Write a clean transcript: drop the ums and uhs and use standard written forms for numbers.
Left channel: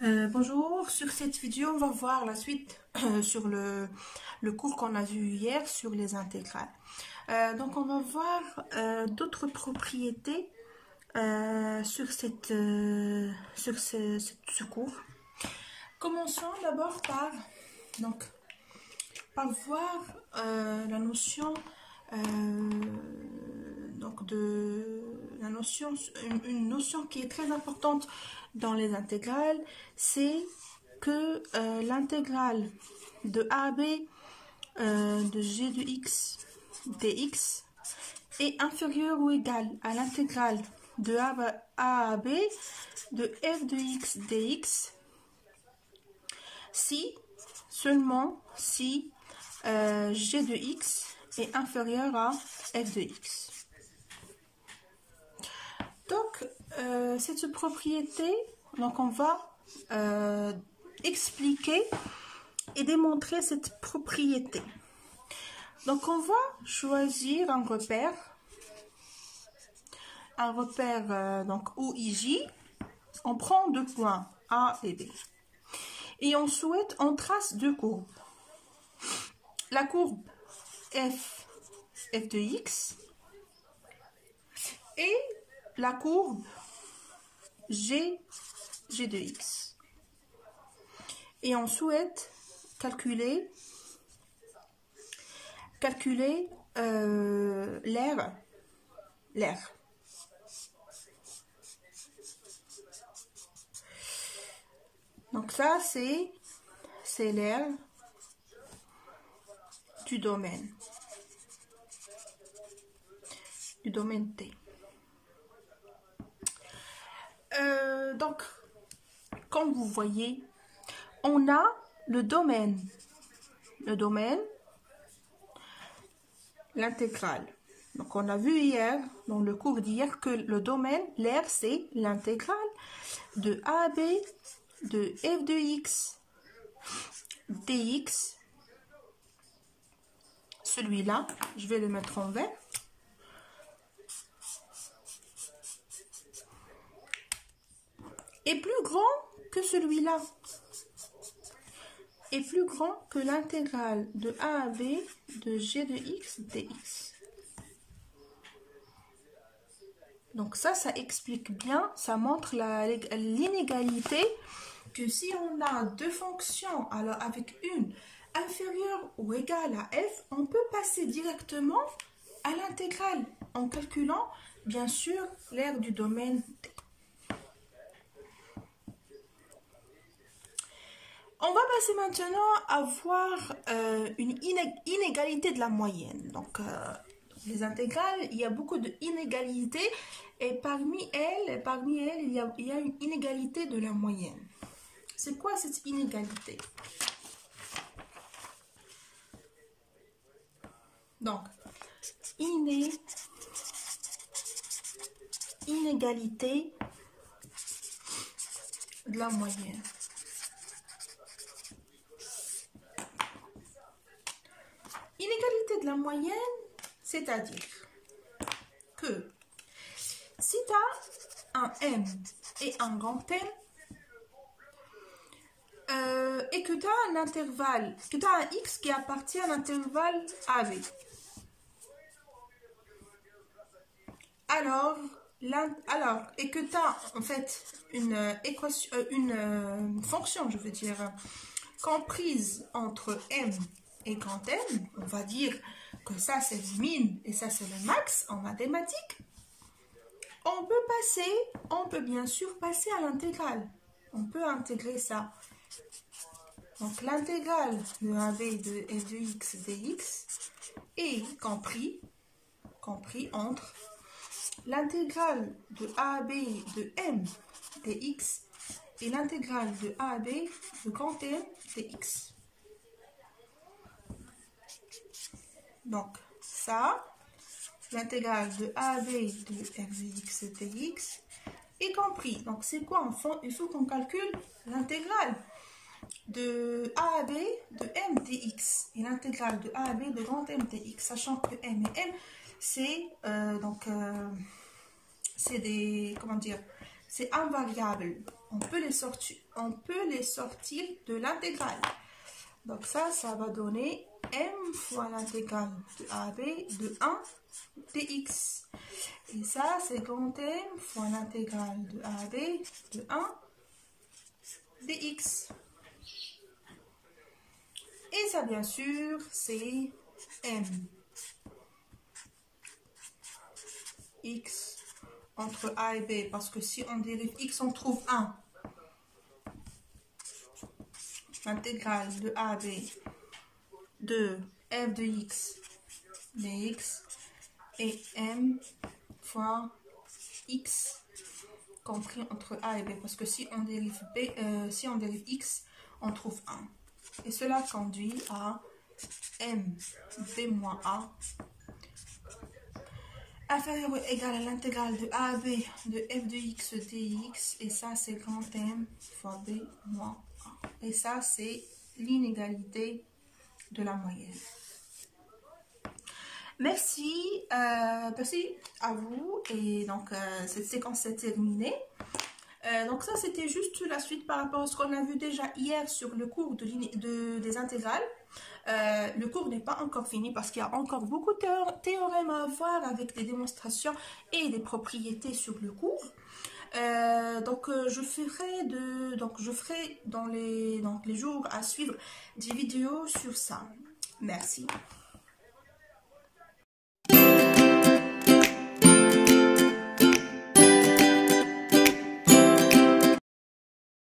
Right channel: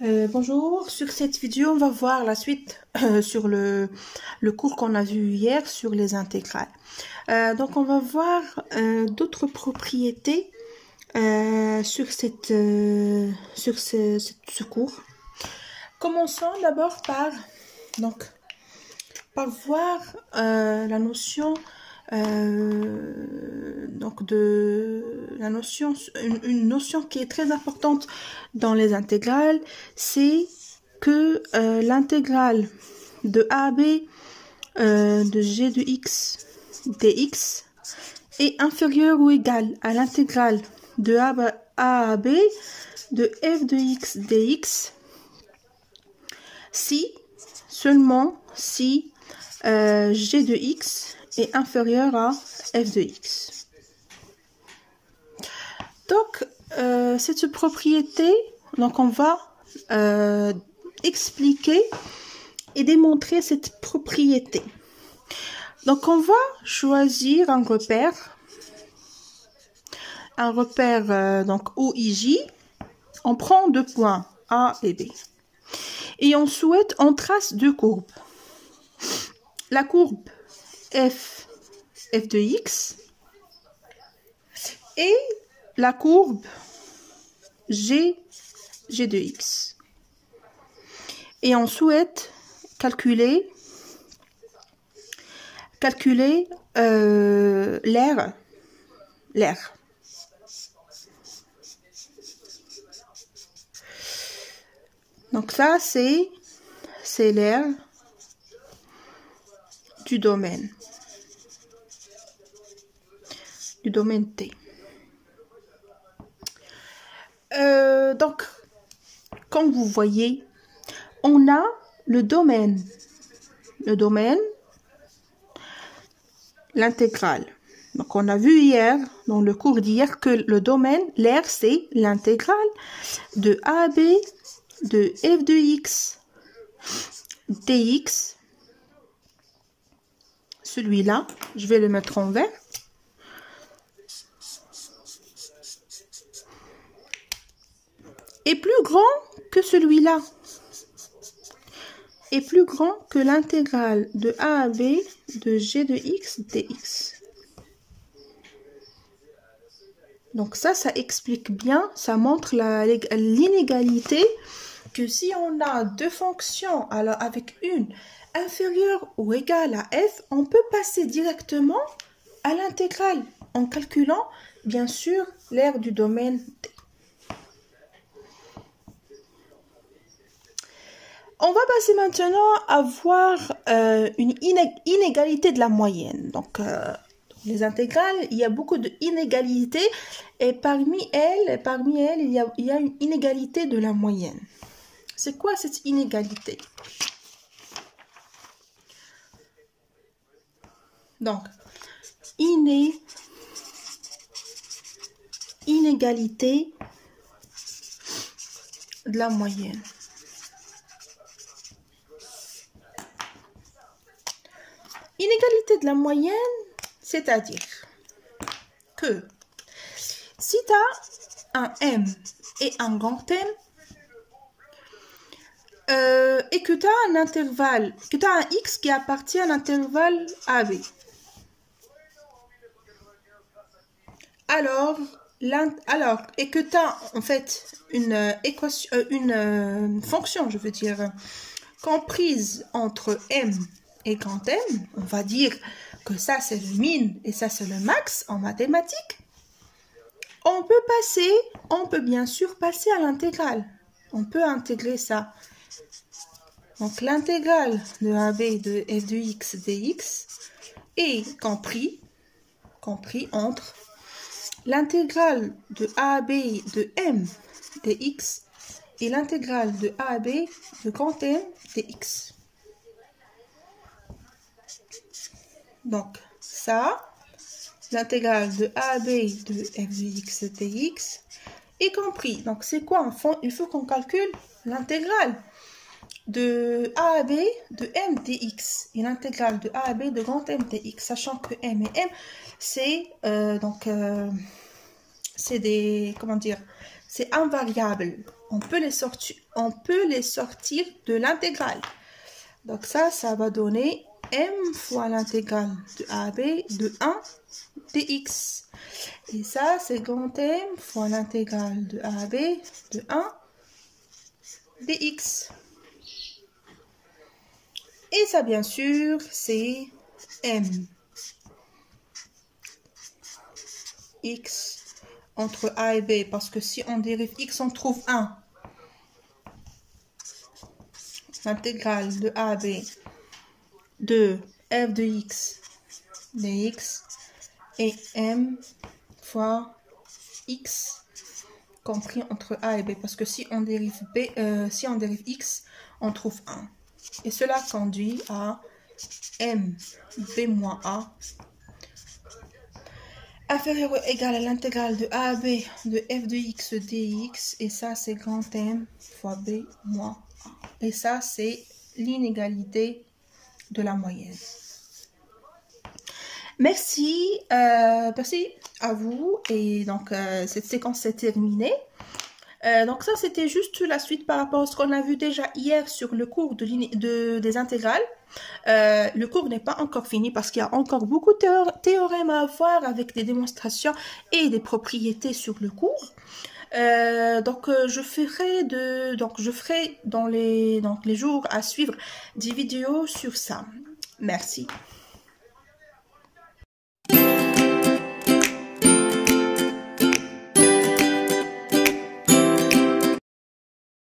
Bonjour, sur cette vidéo, on va voir la suite sur le cours qu'on a vu hier sur les intégrales. Donc, on va voir d'autres propriétés sur ce cours. Commençons d'abord par voir la notion une notion qui est très importante dans les intégrales, c'est que l'intégrale de a à b de g de x dx est inférieure ou égale à l'intégrale de a à b de f de x dx si, seulement si g de x est inférieur à f de x. Donc, cette propriété, donc on va expliquer et démontrer cette propriété. Donc, on va choisir un repère donc OIJ. On prend deux points A et B. Et on trace deux courbes. La courbe f de x et la courbe g de x. Et on souhaite calculer l'aire. Donc ça, c'est l'aire du domaine T. Donc, comme vous voyez, on a le domaine, l'intégrale. Donc, on a vu hier, dans le cours d'hier, que le domaine, l'aire, c'est l'intégrale de a à b de f de x dx. Celui-là, je vais le mettre en vert. Est plus grand que celui-là. Est plus grand que l'intégrale de a à b de g de x dx. Donc ça explique bien, ça montre l'inégalité que si on a deux fonctions alors avec une inférieure ou égale à f, on peut passer directement à l'intégrale en calculant bien sûr l'aire du domaine T. On va passer maintenant à voir une inégalité de la moyenne. Donc, les intégrales, il y a beaucoup d'inégalités et parmi elles, il y a une inégalité de la moyenne. C'est quoi cette inégalité? Donc, inégalité de la moyenne. Inégalité de la moyenne, c'est-à-dire que si tu as un M et un grand M, et que tu as un intervalle, que tu as un X qui appartient à l'intervalle AB, et que tu as en fait une fonction, je veux dire, comprise entre M et grand M, on va dire que ça c'est le min et ça c'est le max en mathématiques, on peut bien sûr passer à l'intégrale. On peut intégrer ça. Donc l'intégrale de AB de f de x dx est compris entre l'intégrale de AB de m dx et l'intégrale de AB de grand M dx. Donc, ça, l'intégrale de AB de f de x dx est compris. Donc, c'est quoi en fond? Il faut qu'on calcule l'intégrale de a à b de m dx et l'intégrale de a à b de grand M dx, sachant que m et m, c'est c'est invariable. On peut les sortir de l'intégrale. Donc ça va donner m fois l'intégrale de AB de 1 dx. Et ça, c'est grand M fois l'intégrale de AB de 1 dx. Et ça, bien sûr, c'est m x entre a et b, parce que si on dérive x, on trouve 1. L'intégrale de a à b de f de x dx et m fois x compris entre a et b, parce que si on dérive x, on trouve 1. Et cela conduit à m b moins a inférieur ou égal à l'intégrale de a à b de f de x dx, et ça c'est grand M fois b moins a. Et ça c'est l'inégalité de la moyenne. Merci, merci à vous, et donc cette séquence est terminée. Donc ça c'était juste la suite par rapport à ce qu'on a vu déjà hier sur le cours des intégrales. Le cours n'est pas encore fini parce qu'il y a encore beaucoup de théorèmes à voir avec des démonstrations et des propriétés sur le cours. Je ferai dans les jours à suivre des vidéos sur ça. Merci.